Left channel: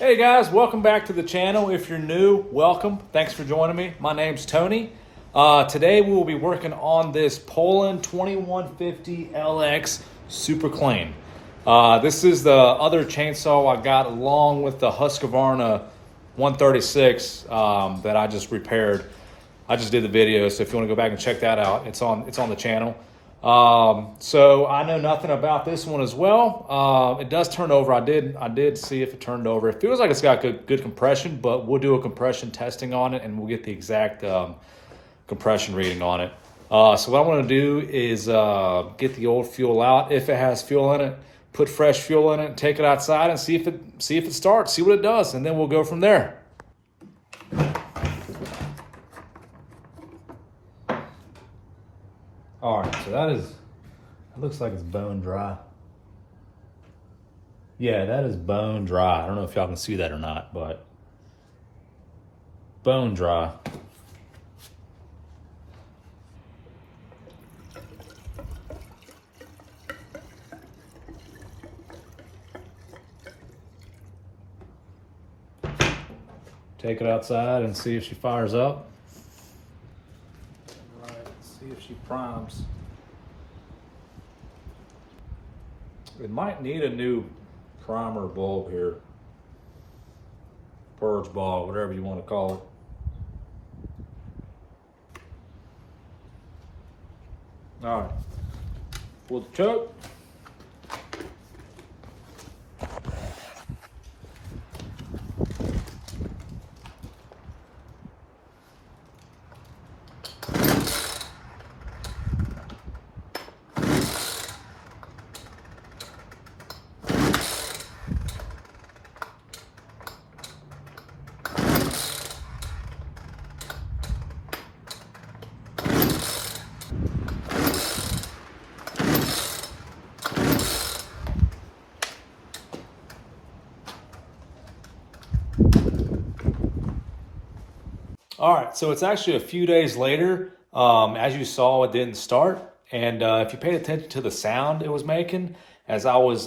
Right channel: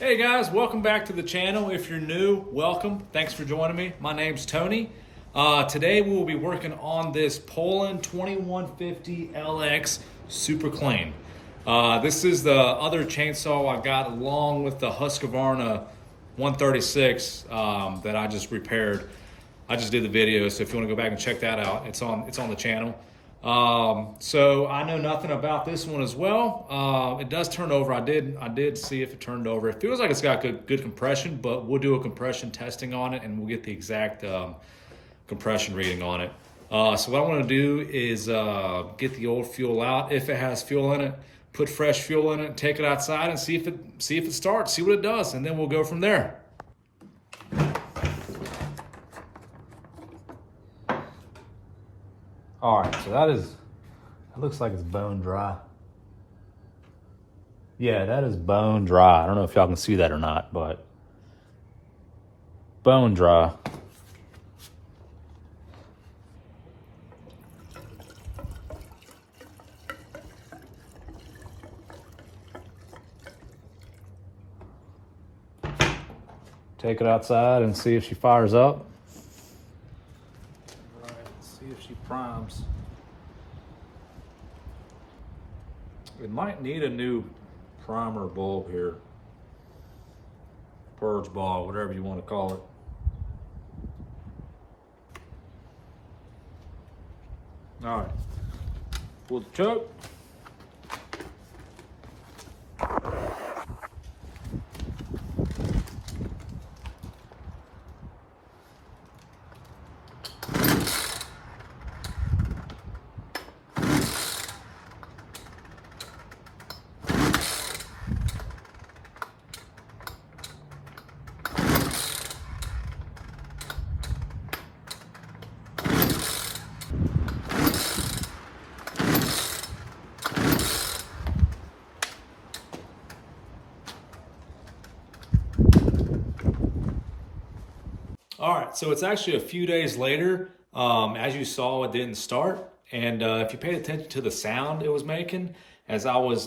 Hey guys, welcome back to the channel. If you're new, welcome. Thanks for joining me. My name's Tony. Today we will be working on this Poulan 2150LX Super Clean. This is the other chainsaw I got along with the Husqvarna 136 that I just repaired. I just did the video, so if you want to go back and check that out, it's on the channel. So I know nothing about this one as well. It does turn over. I did see if it turned over. It feels like it's got good compression, but we'll do a compression testing on it and we'll get the exact compression reading on it. So what I want to do is get the old fuel out. If it has fuel in it, put fresh fuel in it, take it outside and see if it starts, see what it does, and then we'll go from there. All right, so that looks like it's bone dry. Yeah, that is bone dry. I don't know if y'all can see that or not, but bone dry. Take it outside and see if she fires up. See if she primes. It might need a new primer bulb here. Purge ball, whatever you want to call it. All right, pull the choke. All right, so it's actually a few days later. As you saw, it didn't start. And if you paid attention to the sound it was making, as I was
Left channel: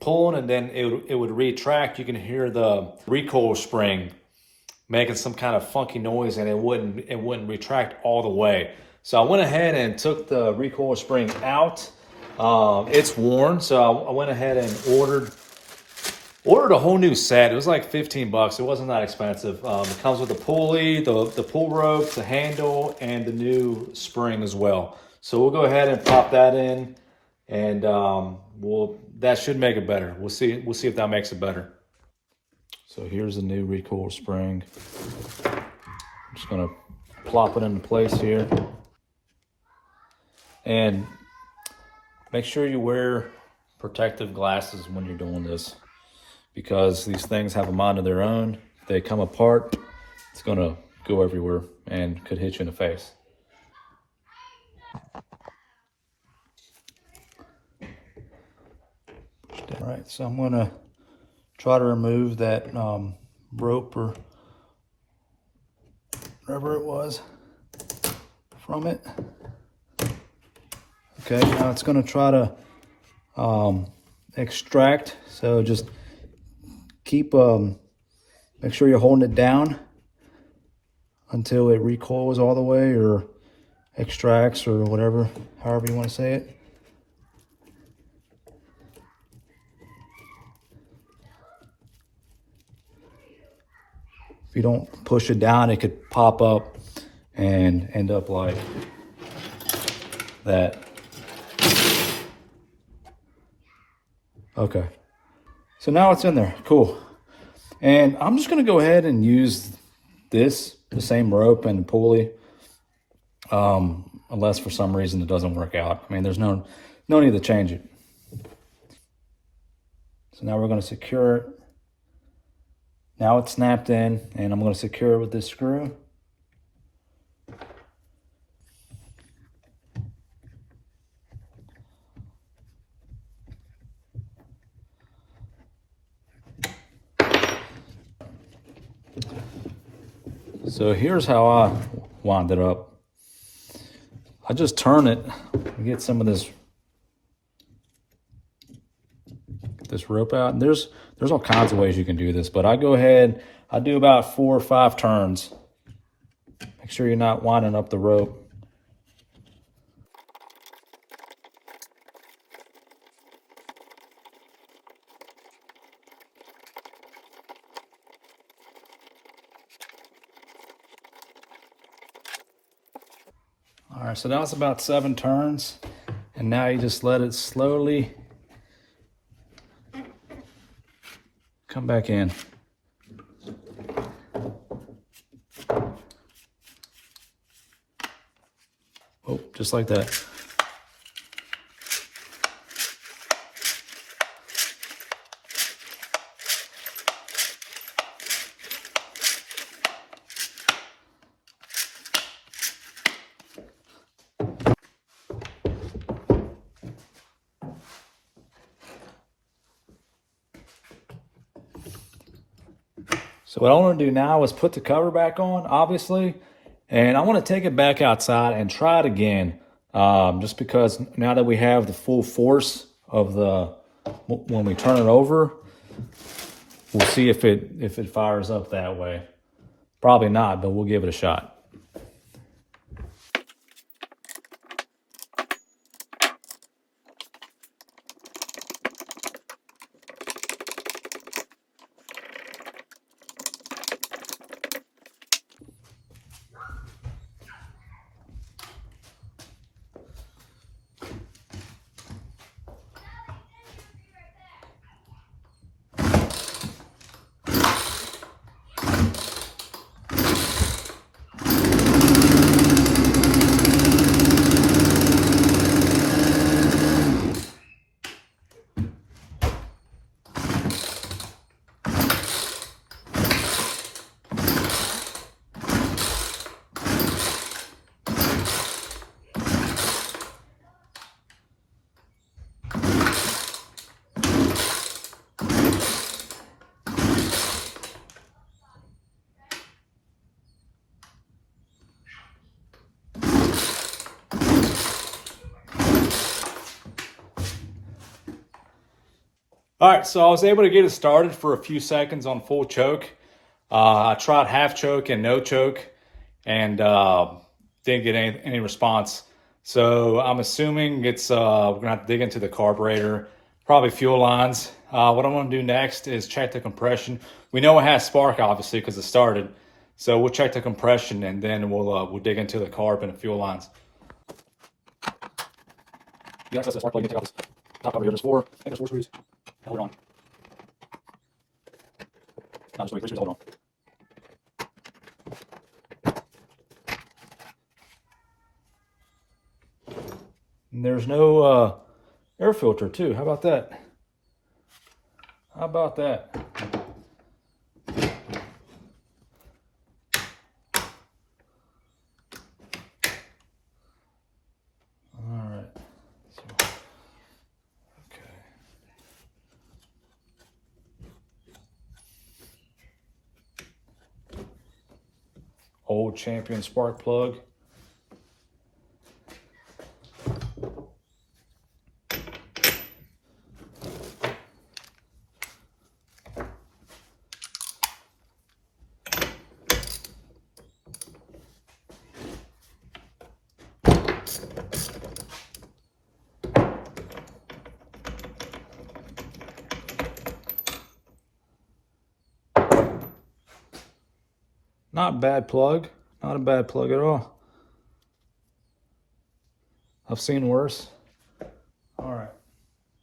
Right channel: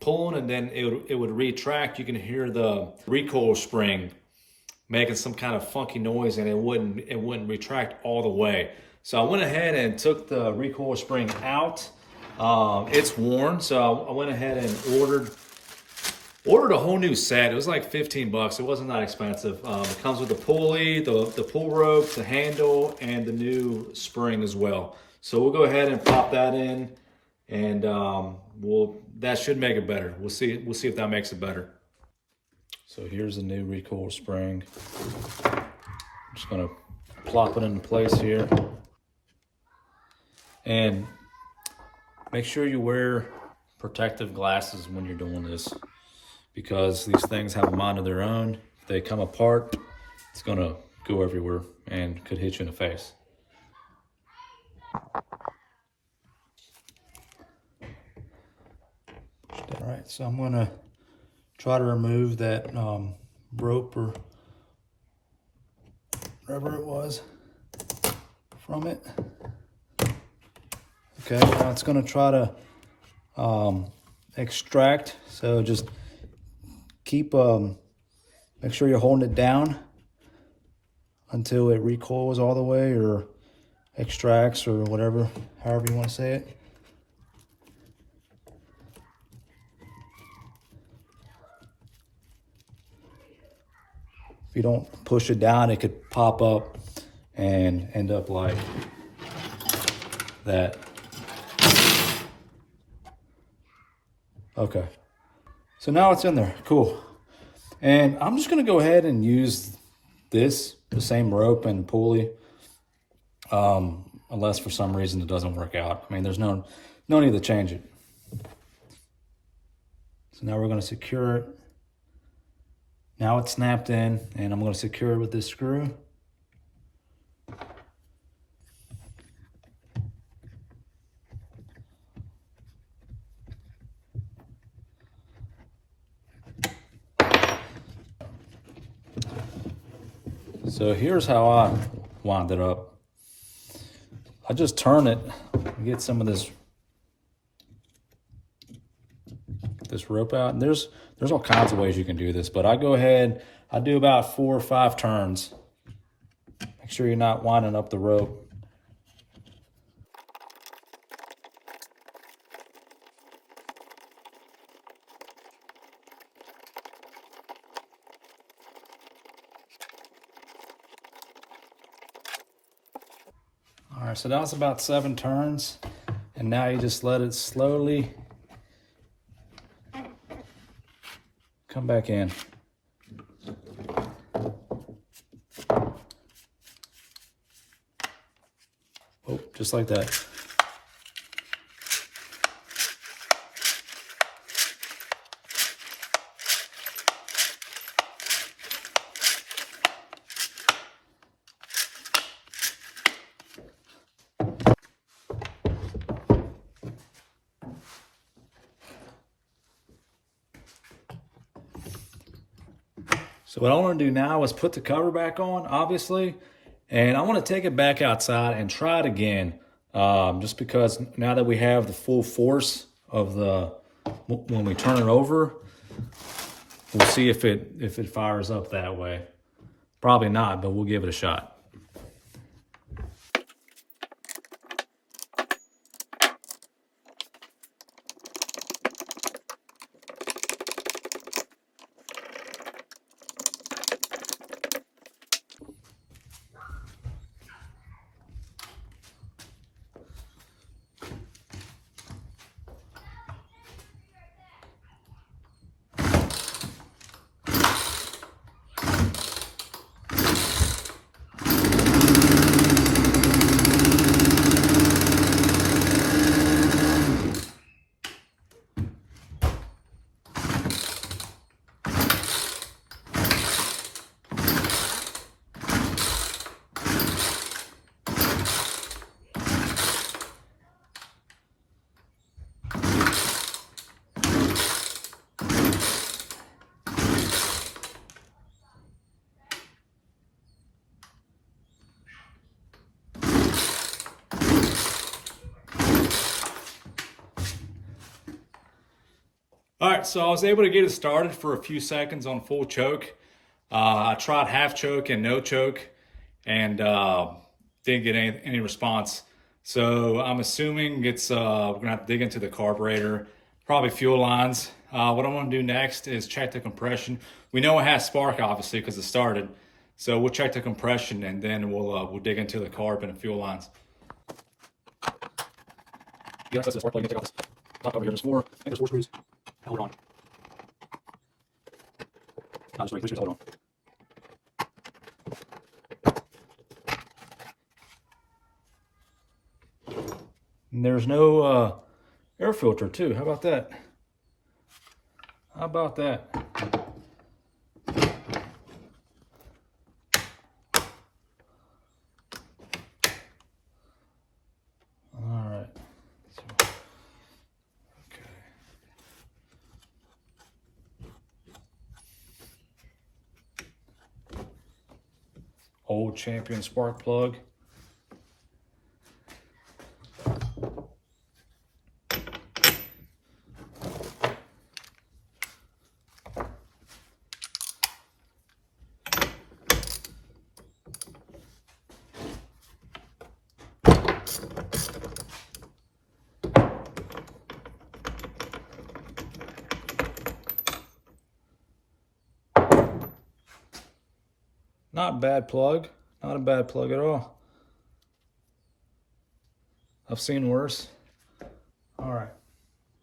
pulling and then it would retract, you can hear the recoil spring making some kind of funky noise and it wouldn't retract all the way. So I went ahead and took the recoil spring out. It's worn, so I went ahead and ordered a whole new set. It was like 15 bucks. It wasn't that expensive. It comes with the pulley, the pull rope, the handle, and the new spring as well. So we'll go ahead and pop that in, and that should make it better. We'll see if that makes it better. So here's the new recoil spring. I'm just gonna plop it into place here. And make sure you wear protective glasses when you're doing this, because these things have a mind of their own. If they come apart, it's gonna go everywhere and could hit you in the face. All right, so I'm gonna try to remove that rope or whatever it was from it. Okay, now it's gonna try to extract, so just keep, make sure you're holding it down until it recoils all the way or extracts or whatever, however you want to say it. If you don't push it down, it could pop up and end up like that. Okay. So now it's in there, cool. And I'm just gonna go ahead and use the same rope and pulley, unless for some reason it doesn't work out. I mean, there's no need to change it. So now we're gonna secure it. Now it's snapped in, and I'm gonna secure it with this screw. So here's how I wind it up. I just turn it and get some of this this rope out. And there's all kinds of ways you can do this, but I go ahead, I do about 4 or 5 turns. Make sure you're not winding up the rope. All right, so now it's about 7 turns, and now you just let it slowly come back in. Oh, just like that. So what I want to do now is put the cover back on, obviously, and I want to take it back outside and try it again, just because now that we have the full force of when we turn it over, we'll see if it fires up that way. Probably not, but we'll give it a shot. All right, so I was able to get it started for a few seconds on full choke. I tried half choke and no choke, and didn't get any response. So I'm assuming it's we're gonna have to dig into the carburetor, probably fuel lines. What I'm gonna do next is check the compression. We know it has spark, obviously, because it started. So we'll check the compression, and then we'll dig into the carb and the fuel lines. You access the spark plug, you take out this top cover here. There's 4 screws. Hold it on. No, just 3 screws, hold on. And there's no air filter too. How about that? How about that? All right. Okay. Old Champion spark plug. Not a bad plug. Not a bad plug at all. I've seen worse. All right.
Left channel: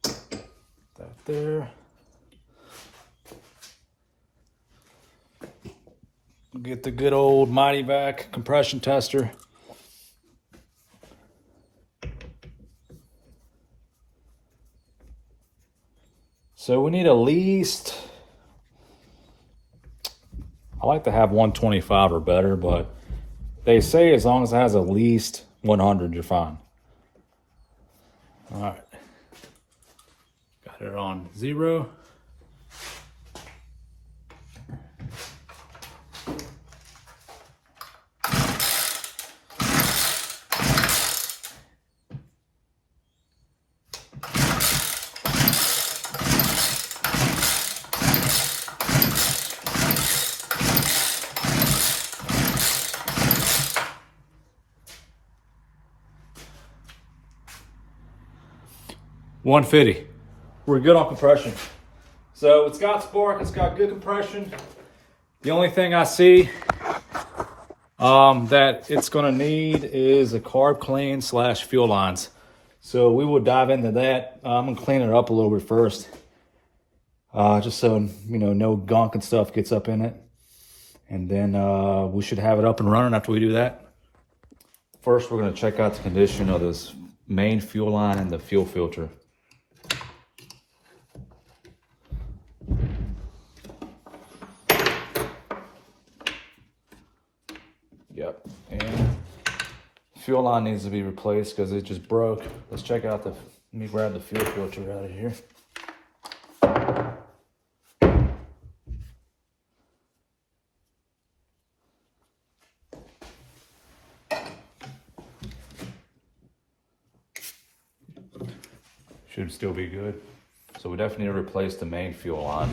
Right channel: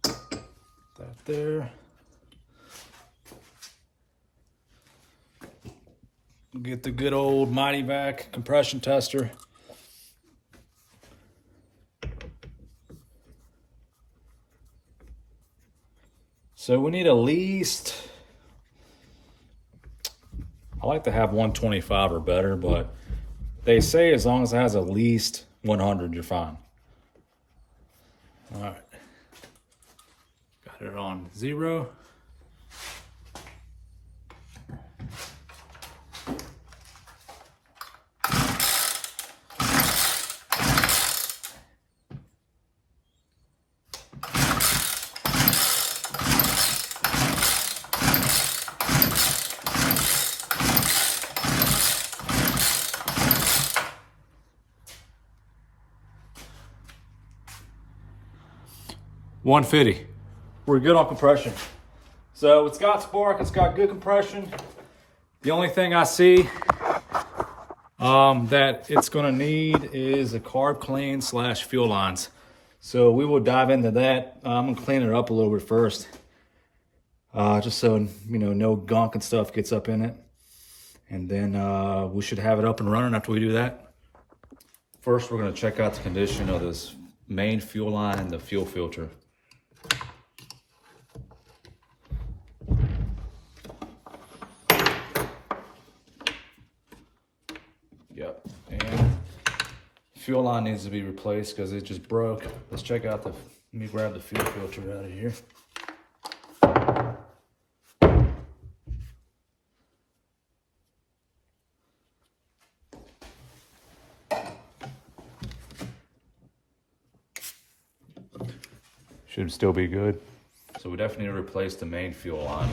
That there. We'll get the good old Mighty Vac compression tester. So we need at least, I like to have 125 or better, but they say as long as it has at least 100, you're fine. All right. Got it on 0. 150. We're good on compression. So it's got spark, it's got good compression. The only thing I see that it's gonna need is a carb clean / fuel lines. So we will dive into that. I'm gonna clean it up a little bit first. Just so, you know, no gunk and stuff gets up in it. And then we should have it up and running after we do that. First, we're gonna check out the condition of this main fuel line and the fuel filter. Yep, and fuel line needs to be replaced because it just broke. Let's check out the, let me grab the fuel filter out of here. Should still be good. So we definitely need to replace the main fuel line.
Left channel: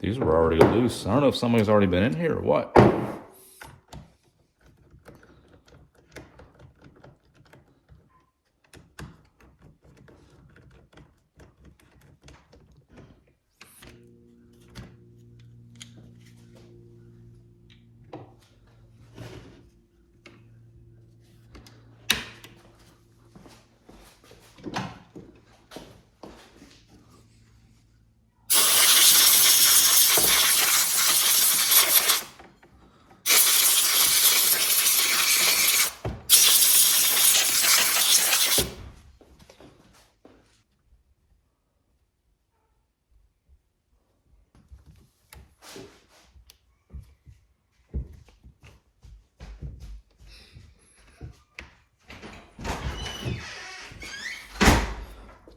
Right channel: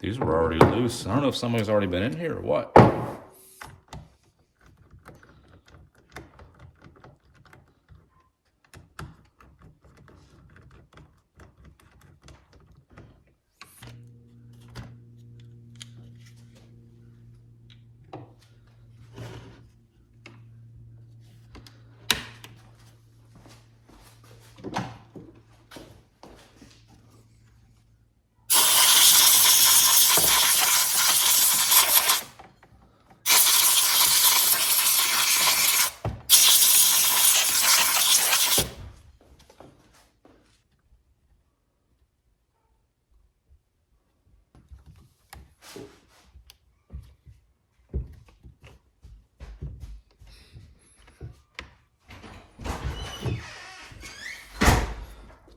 These were already loose. I don't know if somebody's already been in here or what.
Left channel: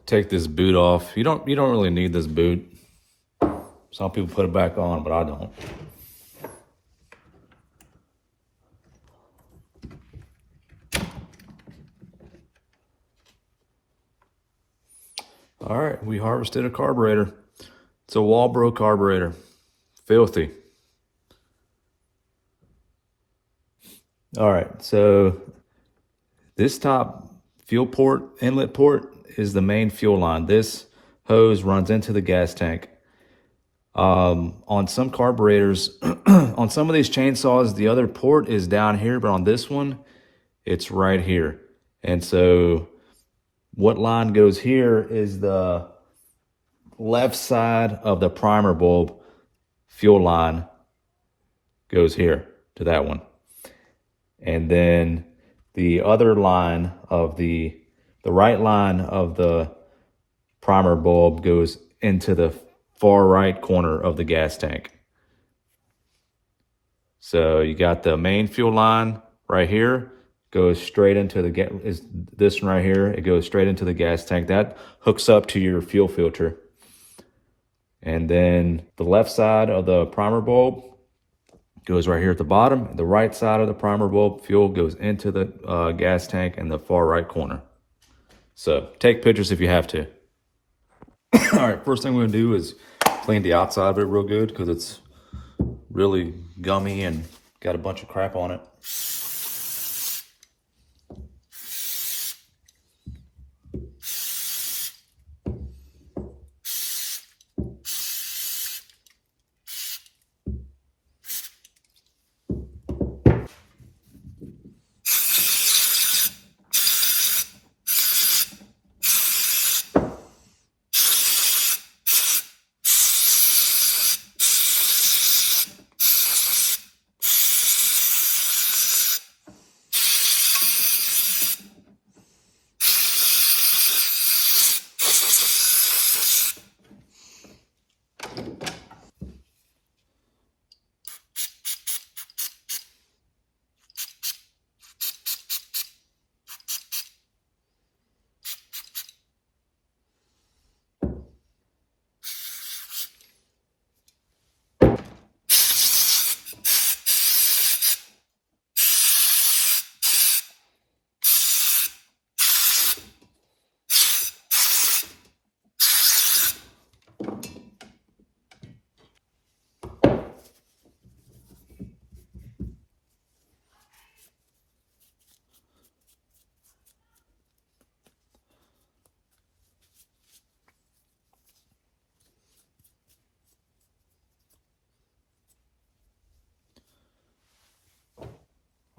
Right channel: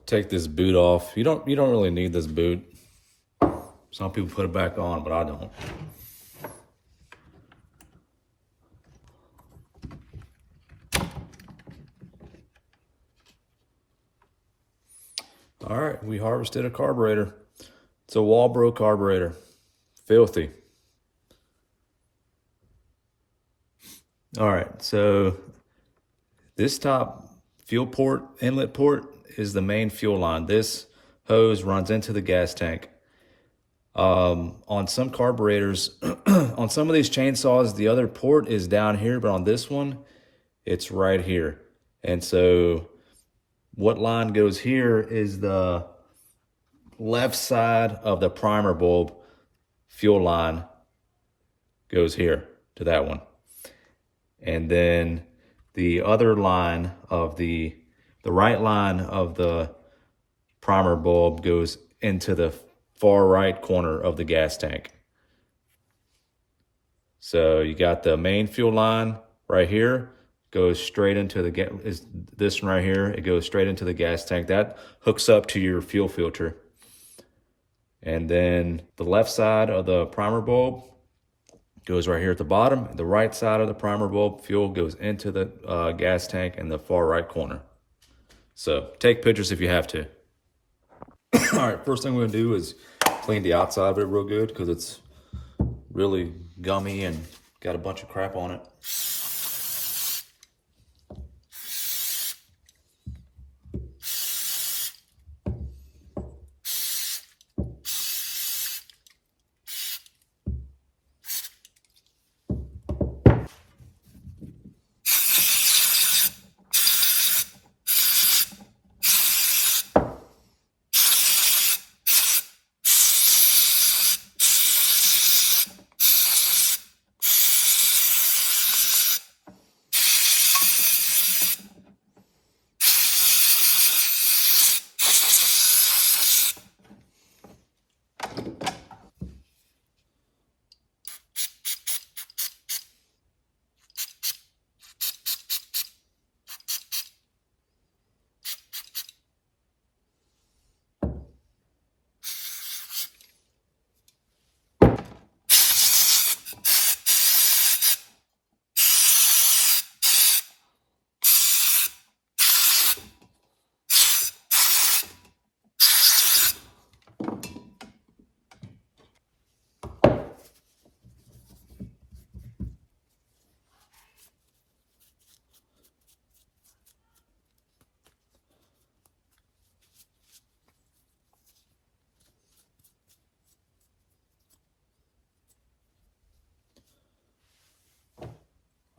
Take this boot off. You don't really need this boot. Some people put it back on, but I don't. All right, we harvested a carburetor. It's a Walbro carburetor. Filthy. All right, so this top fuel port, inlet port, is the main fuel line. This hose runs into the gas tank. On some carburetors, on some of these chainsaws, the other port is down here, but on this one, it's right here. And so what line goes here is the left side of the primer bulb fuel line goes here to that one. And then the other line of the right line of the primer bulb goes into the far right corner of the gas tank. So you got the main fuel line right here, goes straight into the gas, is this one right here, it goes straight into the gas tank. That hooks up to your fuel filter. And then the left side of the primer bulb goes right here at the bottom. The right side of the primer bulb fuel goes into the gas tank in the far right corner. So take pictures if you have to. All right, first thing we're gonna do is clean the outside of it real good because it's really gummy and got a bunch of crap on it.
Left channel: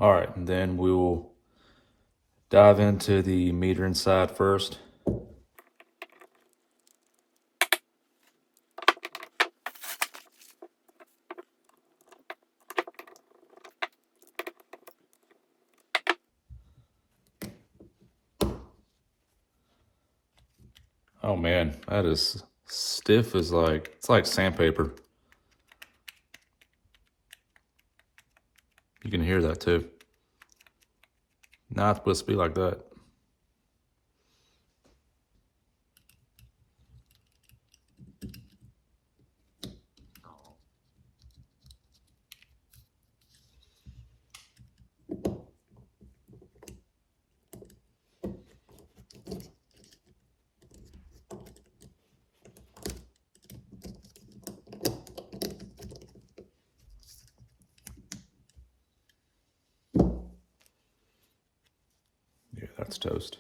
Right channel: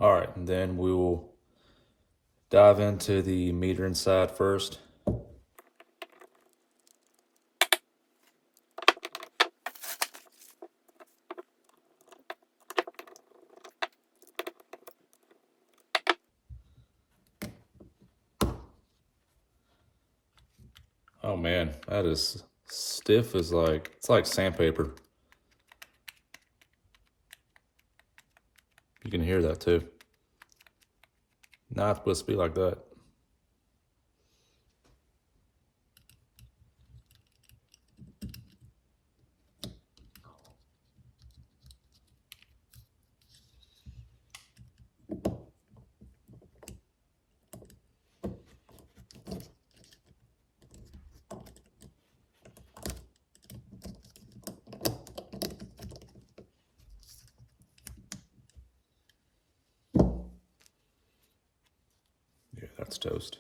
All right, and then we'll dive into the meter inside first. Oh man, that is stiff as it's like sandpaper. You can hear that too. Not supposed to be like that. Yeah, that's toast.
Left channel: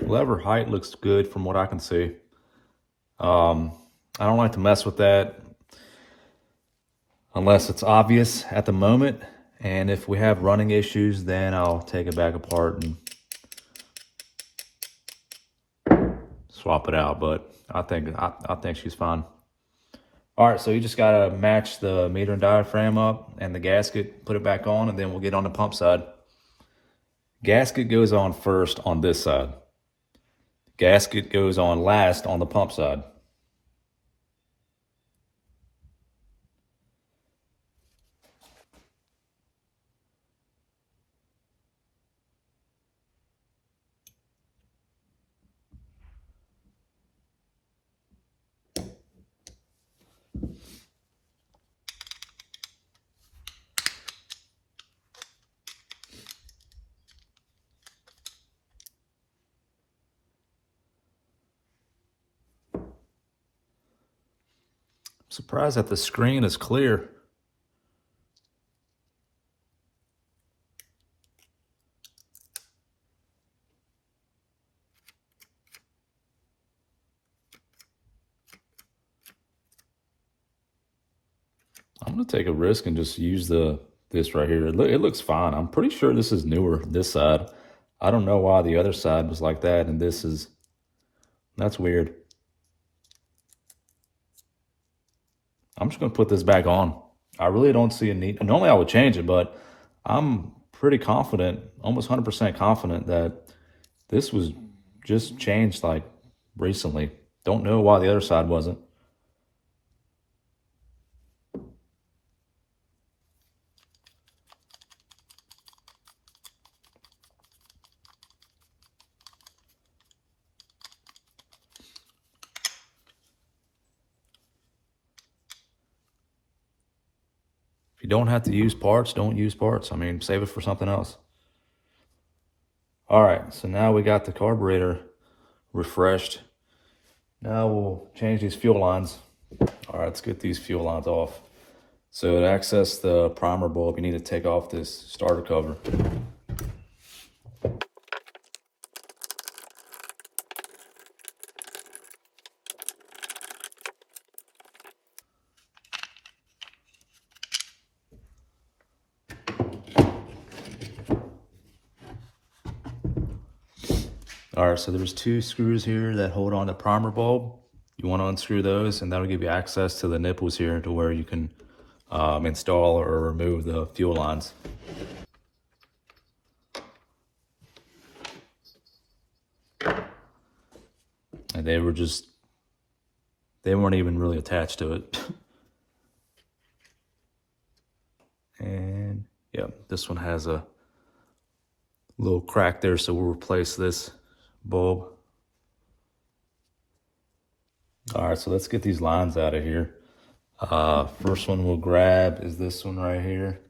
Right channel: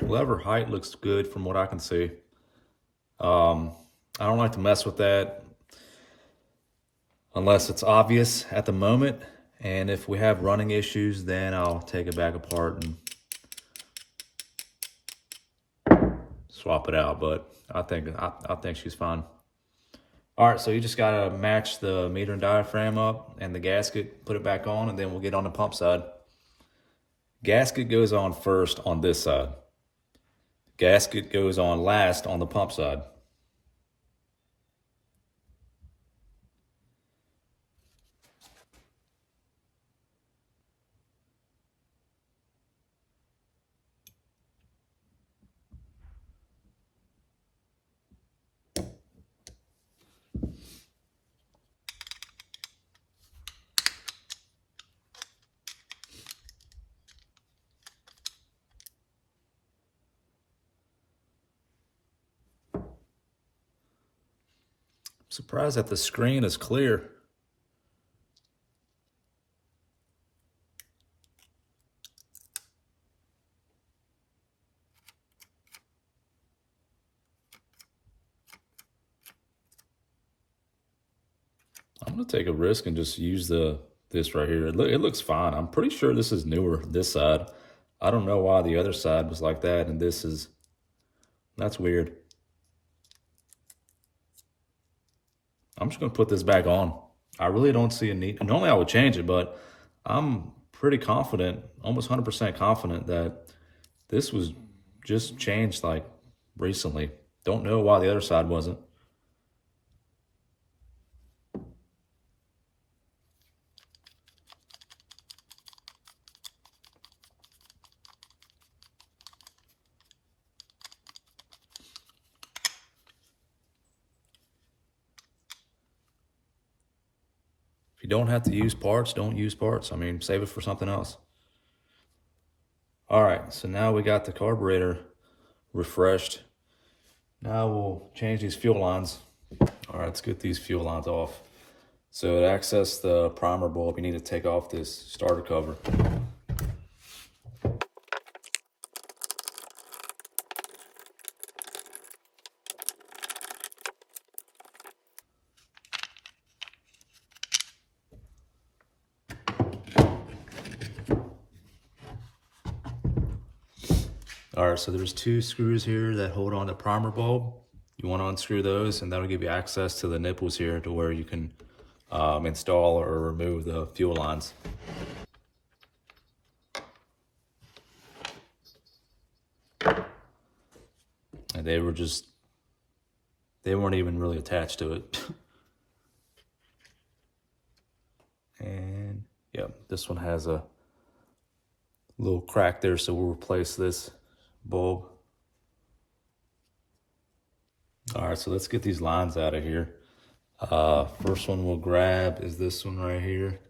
Lever height looks good from what I can see. I don't like to mess with that unless it's obvious at the moment. And if we have running issues, then I'll take it back apart and swap it out. But I think she's fine. All right, so you just gotta match the meter and diaphragm up and the gasket, put it back on, and then we'll get on the pump side. Gasket goes on first on this side. Gasket goes on last on the pump side. Surprised that the screen is clear. I'm gonna take a risk and just use this right here. It looks fine. I'm pretty sure this is newer, this side. I don't know why the other side was like that and that's weird. I'm just gonna put this back on. I really don't see a need. Normally I would change it, but I'm pretty confident, almost 100% confident that this was just changed like recently. Don't know why the other side wasn't. If you don't have to use parts, don't use parts. I mean, save it for something else. All right, so now we got the carburetor refreshed. Now we'll change these fuel lines. All right, let's get these fuel lines off. So to access the primer bulb, you need to take off this starter cover. All right, so there's two screws here that hold on the primer bulb. You want to unscrew those, and that'll give you access to the nipples here to where you can install or remove the fuel lines. And they weren't even really attached to it. And yeah, this one has a little crack there, so we'll replace this bulb. All right, so let's get these lines out of here. First one we'll grab is this one right here.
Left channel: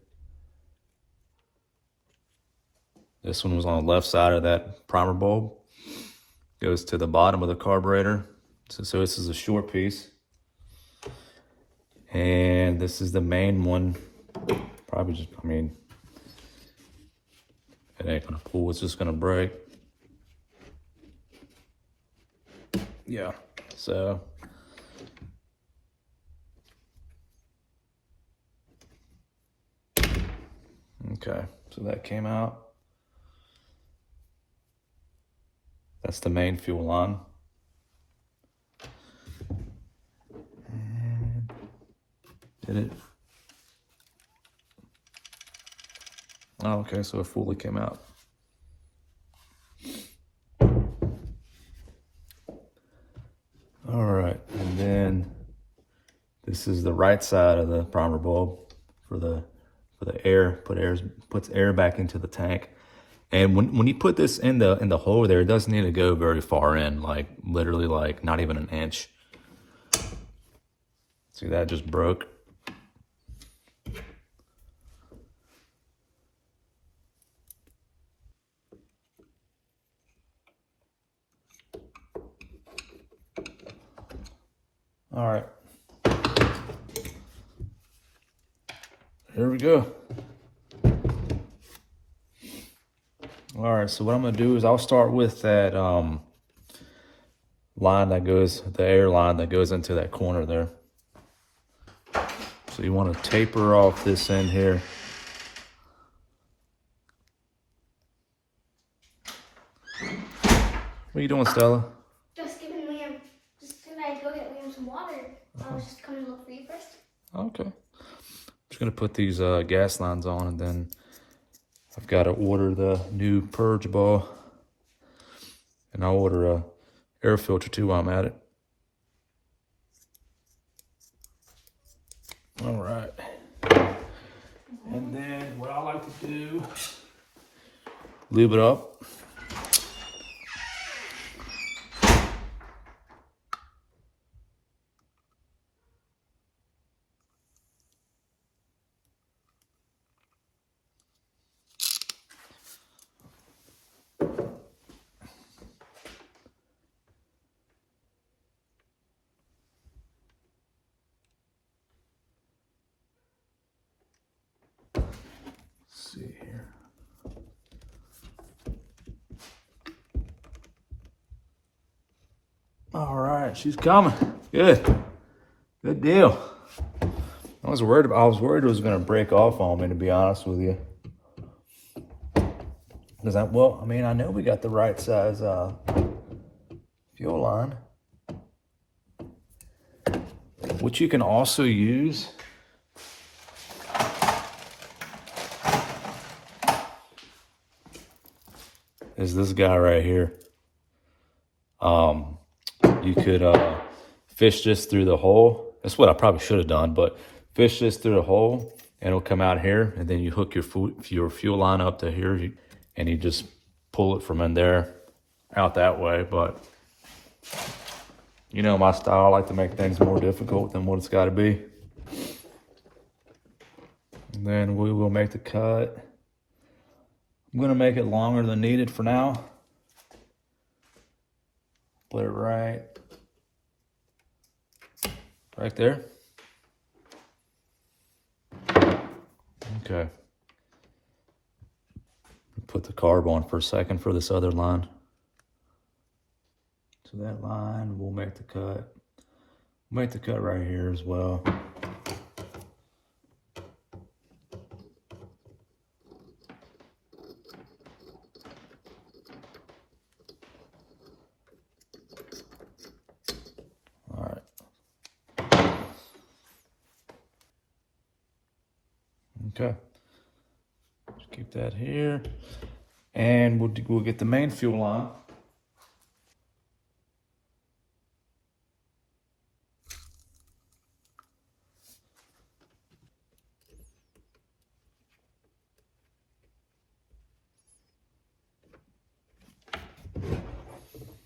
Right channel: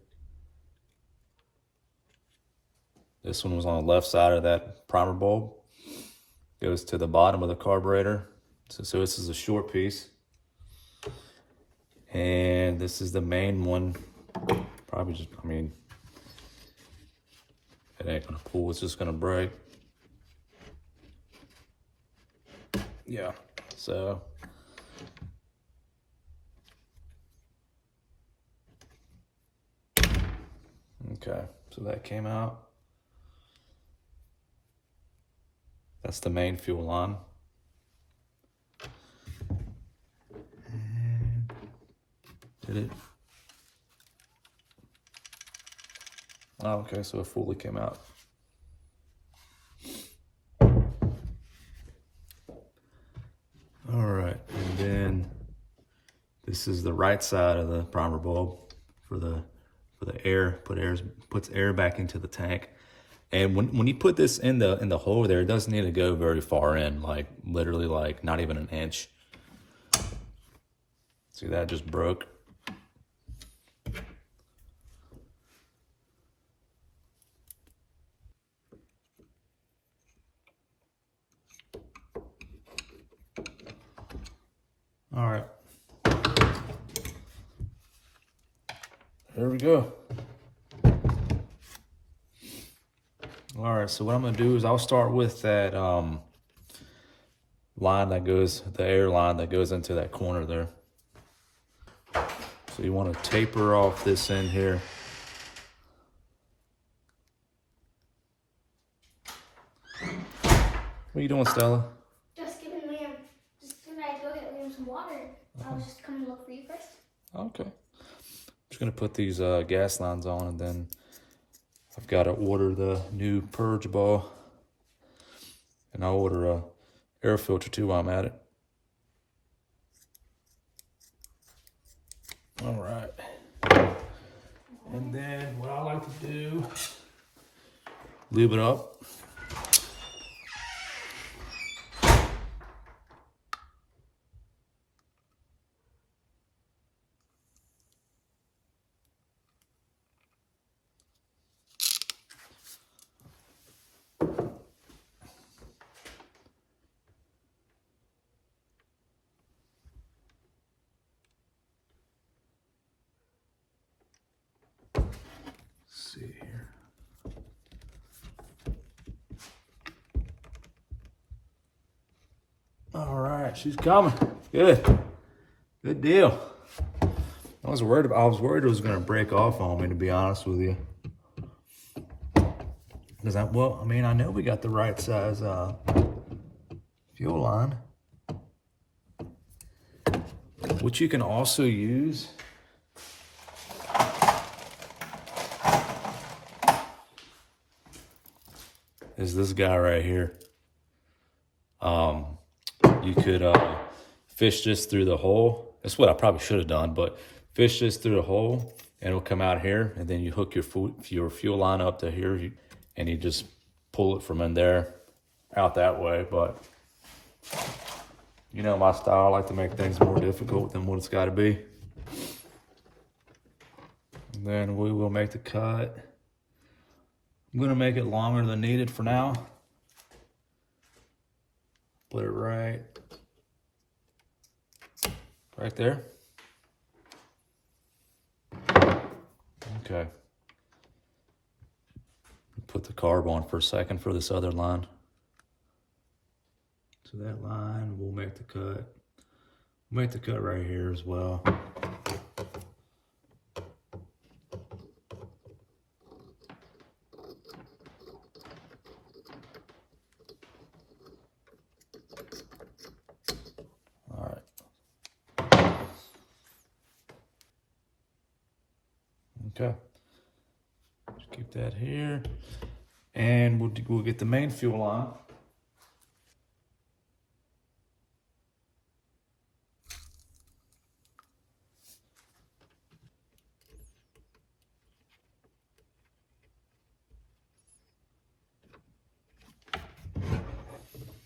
This one was on the left side of that primer bulb. Goes to the bottom of the carburetor. So this is a short piece. And this is the main one. Probably just, I mean, it ain't gonna pull, it's just gonna break. Yeah, so. Okay, so that came out. That's the main fuel line. And did it? Oh, okay, so it fully came out. All right, and then this is the right side of the primer bulb for the air. Puts air back into the tank. And when you put this in the hole there, it doesn't need to go very far in, like literally like not even an inch. See, that just broke. All right. Here we go. All right, so what I'm gonna do is I'll start with that line that goes, the air line that goes into that corner there. So you want to taper off this end here. What are you doing, Stella? Just giving Liam, just gonna go get Liam some water. I was just coming to look for you first. Okay. I'm just gonna put these gas lines on, and then I've got to order the new purge ball, and I'll order a air filter too while I'm at it. All right. And then what I like to do, lube it up. See here. All right, she's coming. Good. Good deal. I was worried it was gonna break off on me, to be honest with you. Because I know we got the right size fuel line. What you can also use is this guy right here. You could fish this through the hole. That's what I probably should have done, but fish this through the hole and it'll come out here, and then you hook your fuel line up to here, and you just pull it from in there out that way. But you know my style, I like to make things more difficult than what it's got to be. And then we will make the cut. I'm gonna make it longer than needed for now. Put it right there. Okay. Put the carb on for a second for this other line. So that line, we'll make the cut. We'll make the cut right here as well. Okay, just keep that here, and we'll get the main fuel line.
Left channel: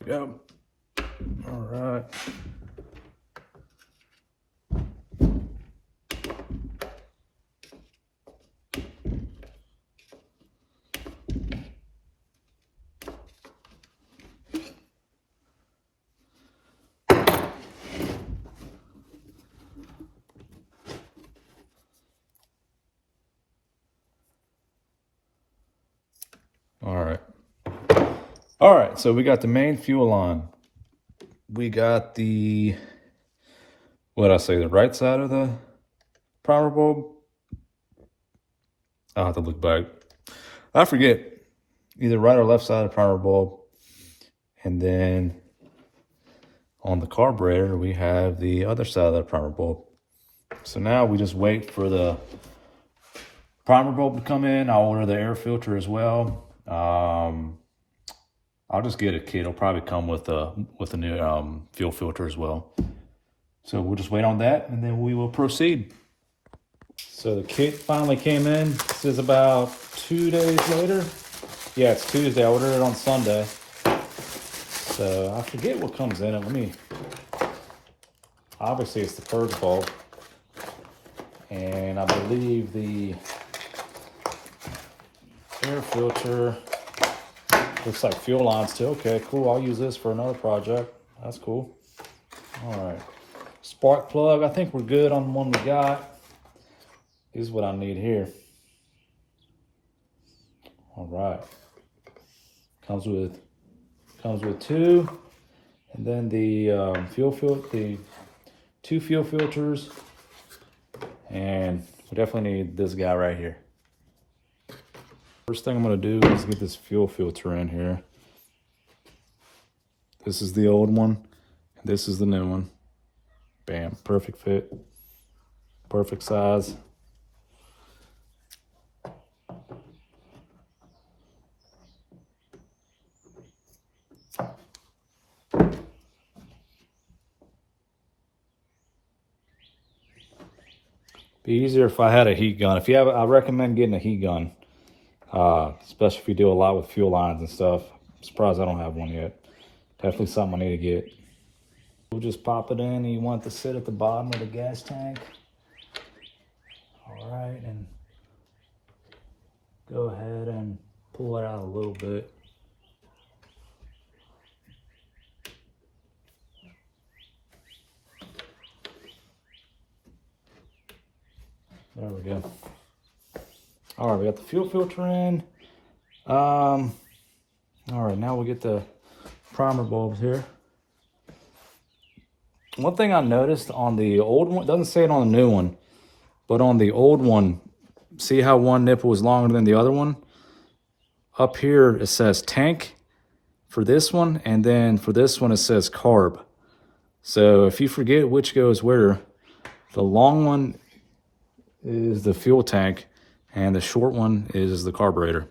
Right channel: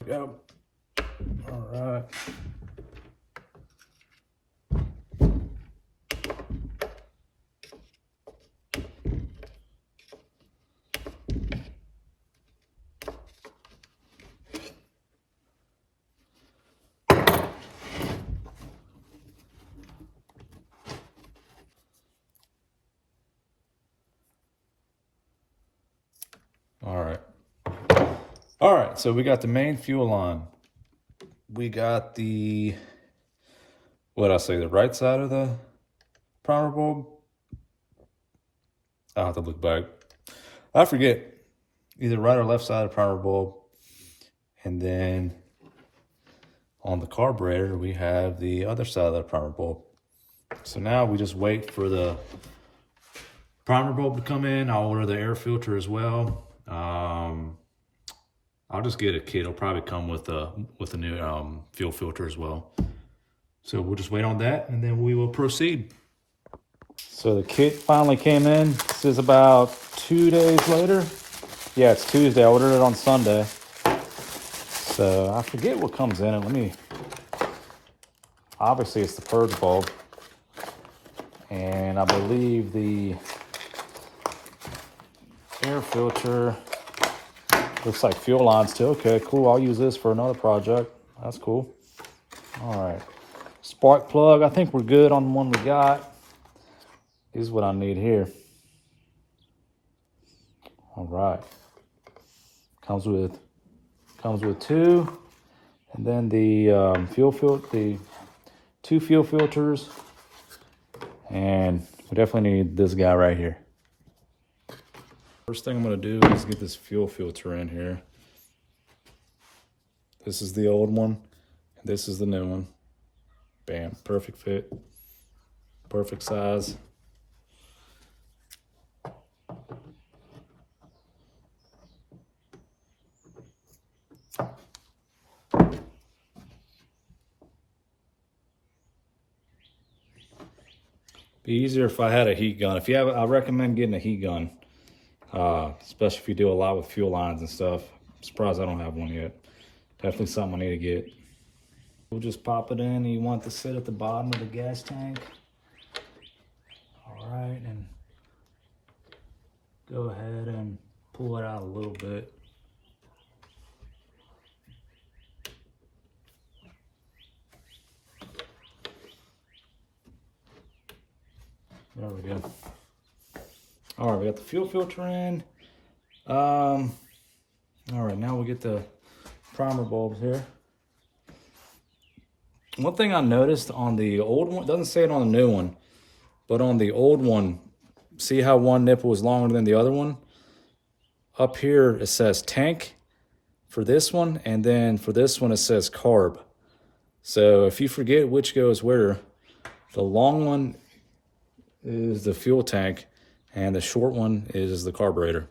Go. All right. All right, so we got the main fuel on. We got the, what I say, the right side of the primer bulb. I'll have to look back. I forget, either right or left side of the primer bulb. And then on the carburetor, we have the other side of the primer bulb. So now we just wait for the primer bulb to come in. I'll order the air filter as well. I'll just get a kit. It'll probably come with a new fuel filter as well. So we'll just wait on that and then we will proceed. So the kit finally came in. This is about 2 days later. Yeah, it's Tuesday. I ordered it on Sunday. So I forget what comes in it. Obviously it's the purge bulb. And I believe the air filter looks like fuel lines too. Okay, cool. I'll use this for another project. That's cool. All right. Spark plug. I think we're good on the one we got. This is what I need here. All right. Comes with two, and then the the 2 fuel filters, and we definitely need this guy right here. First thing I'm gonna do is get this fuel filter in here. This is the old one. This is the new one. Bam, perfect fit, perfect size. Be easier if I had a heat gun. If you have, I recommend getting a heat gun, especially if you do a lot with fuel lines and stuff. I'm surprised I don't have one yet. Definitely something I need to get. We'll just pop it in. You want it to sit at the bottom of the gas tank. All right, and go ahead and pull it out a little bit. There we go. All right, we got the fuel filter in. All right, now we get the primer bulbs here. One thing I noticed on the old one, it doesn't say it on the new one, but on the old one, see how one nipple is longer than the other one? Up here, it says tank for this one, and then for this one, it says carb. So if you forget which goes where, the long one is the fuel tank, and the short one is the carburetor.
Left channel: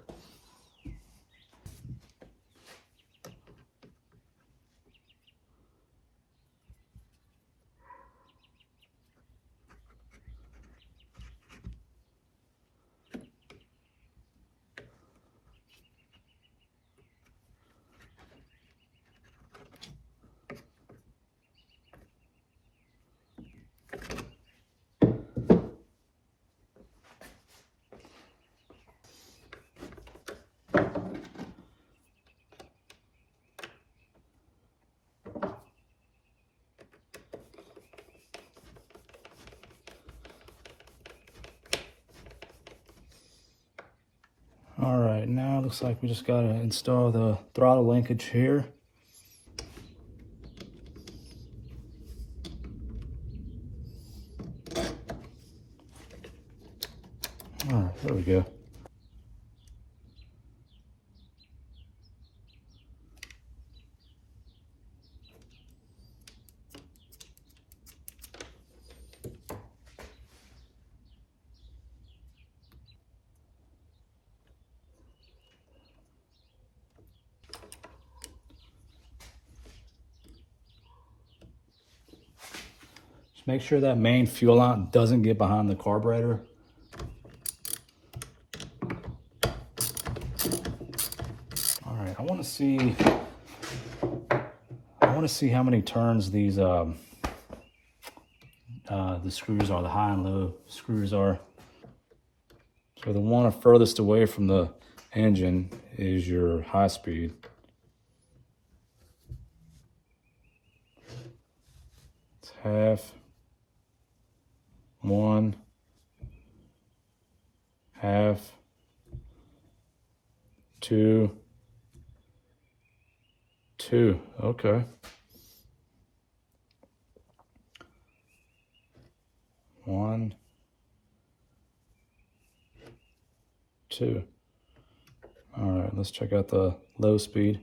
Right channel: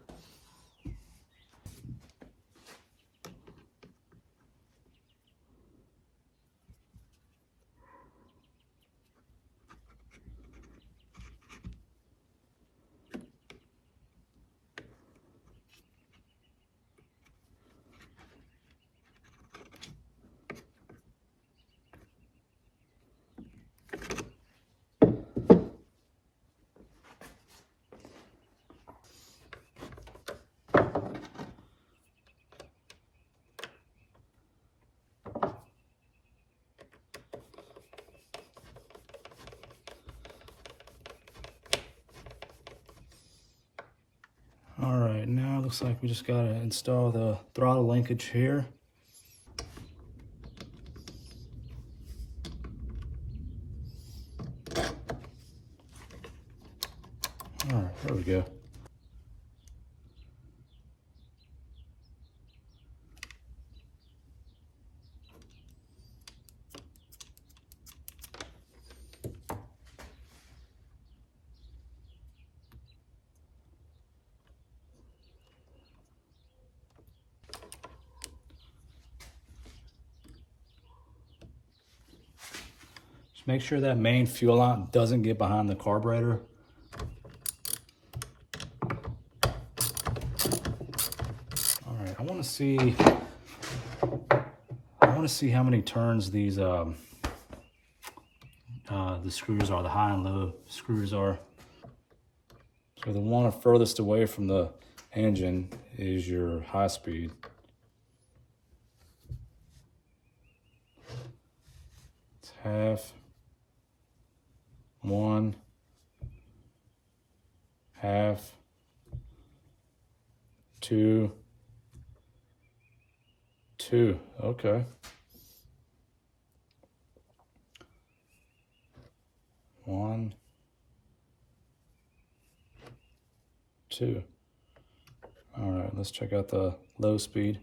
All right, now it looks like we just gotta install the throttle linkage here. All right, there we go. Make sure that main fuel line doesn't get behind the carburetor. All right, I want to see how many turns these the screws are, the high and low screws are. So the one furthest away from the engine is your high speed. It's half. 1, half, 2, 2. Okay. 1, 2. All right, let's check out the low speed.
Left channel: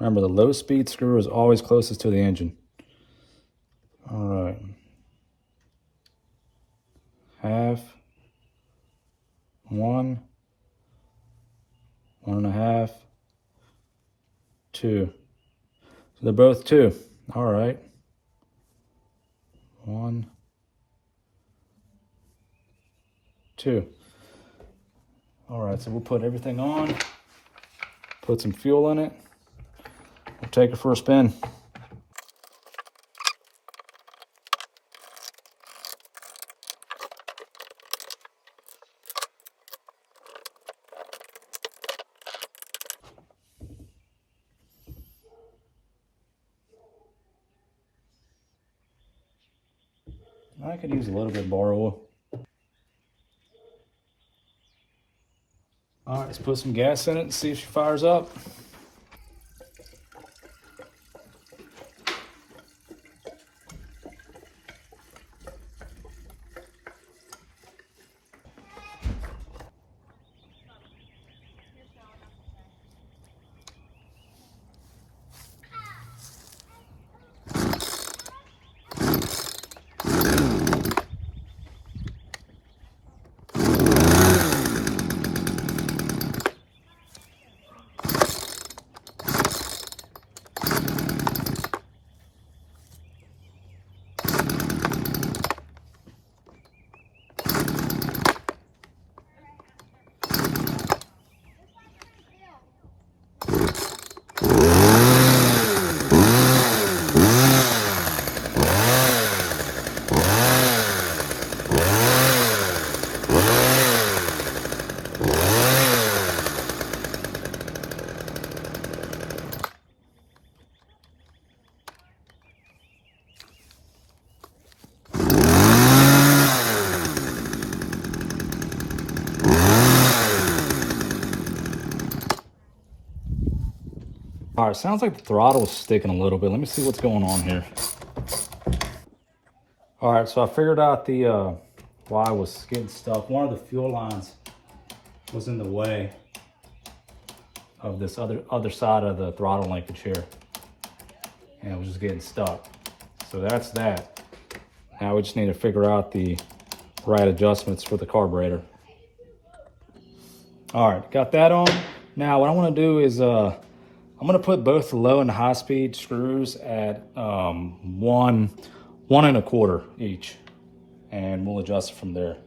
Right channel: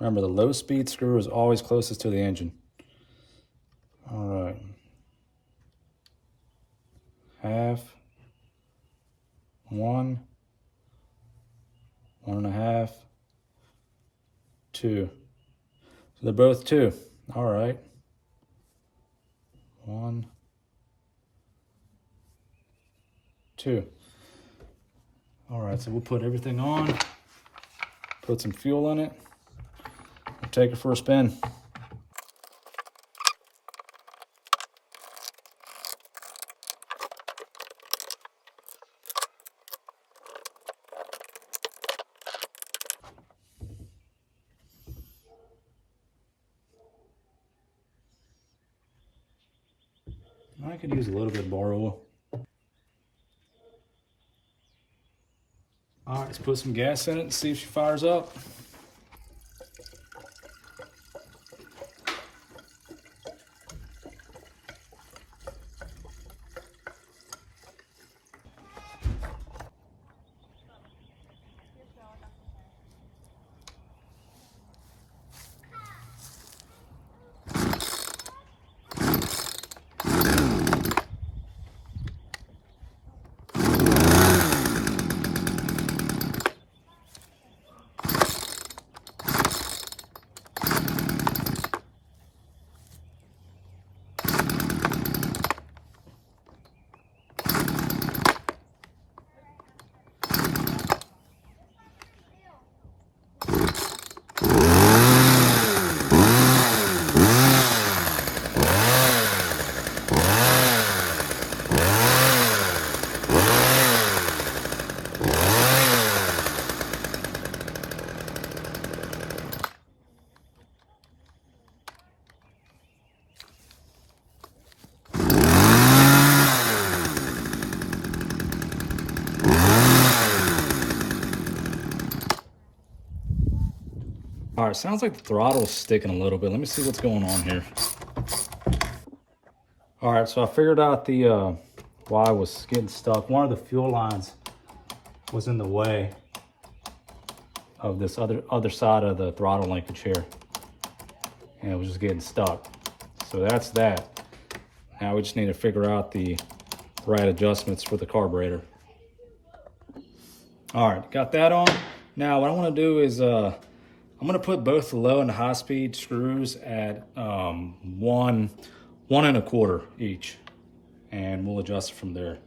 Remember, the low speed screw is always closest to the engine. All right. Half. 1, 1.5, 2. So they're both 2. All right. 1, 2. All right, so we'll put everything on, put some fuel in it, we'll take it for a spin. I could use a little bit of bar oil. All right, let's put some gas in it and see if she fires up. All right, sounds like the throttle is sticking a little bit. Let me see what's going on here. All right, so I figured out the why I was getting stuck. One of the fuel lines was in the way of this other side of the throttle linkage here, and it was just getting stuck. So that's that. Now we just need to figure out the right adjustments for the carburetor. All right, got that on. Now what I want to do is I'm going to put both the low and the high speed screws at 1 1.25 each, and we'll adjust it from there.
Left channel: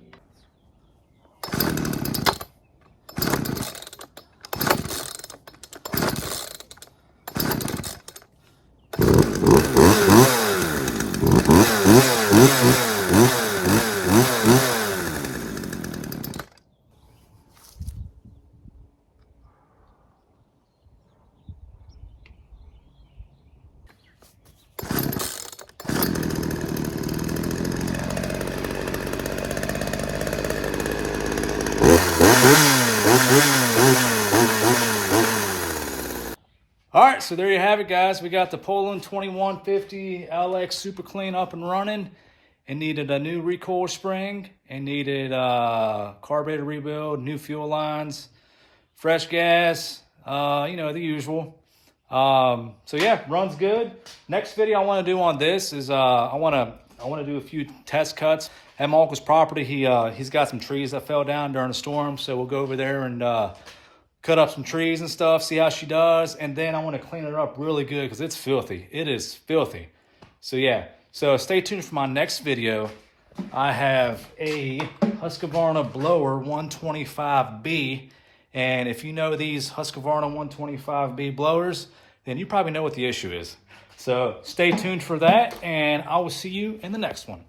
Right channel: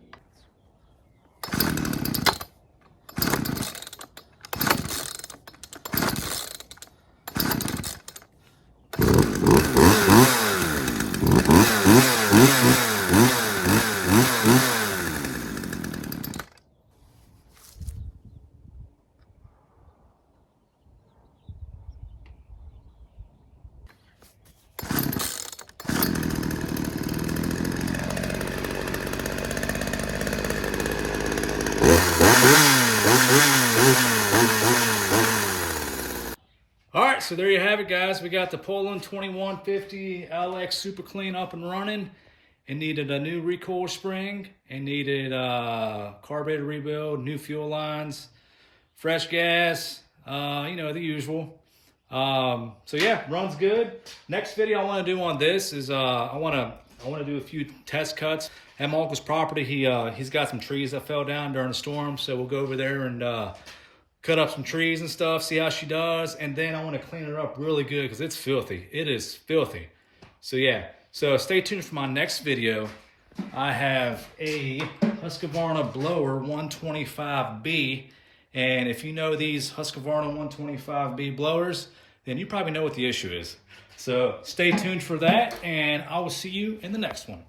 All right, so there you have it, guys. We got the Poulan 2150LX super clean up and running. It needed a new recoil spring. It needed carburetor rebuild, new fuel lines, fresh gas, you know, the usual. So yeah, runs good. Next video I want to do on this is I want to do a few test cuts at my uncle's property. He's got some trees that fell down during a storm, so we'll go over there and cut up some trees and stuff, see how she does, and then I want to clean it up really good because it's filthy. It is filthy. So yeah, so stay tuned for my next video. I have a Husqvarna blower 125B, and if you know these Husqvarna 125B blowers, then you probably know what the issue is. So stay tuned for that, and I will see you in the next one.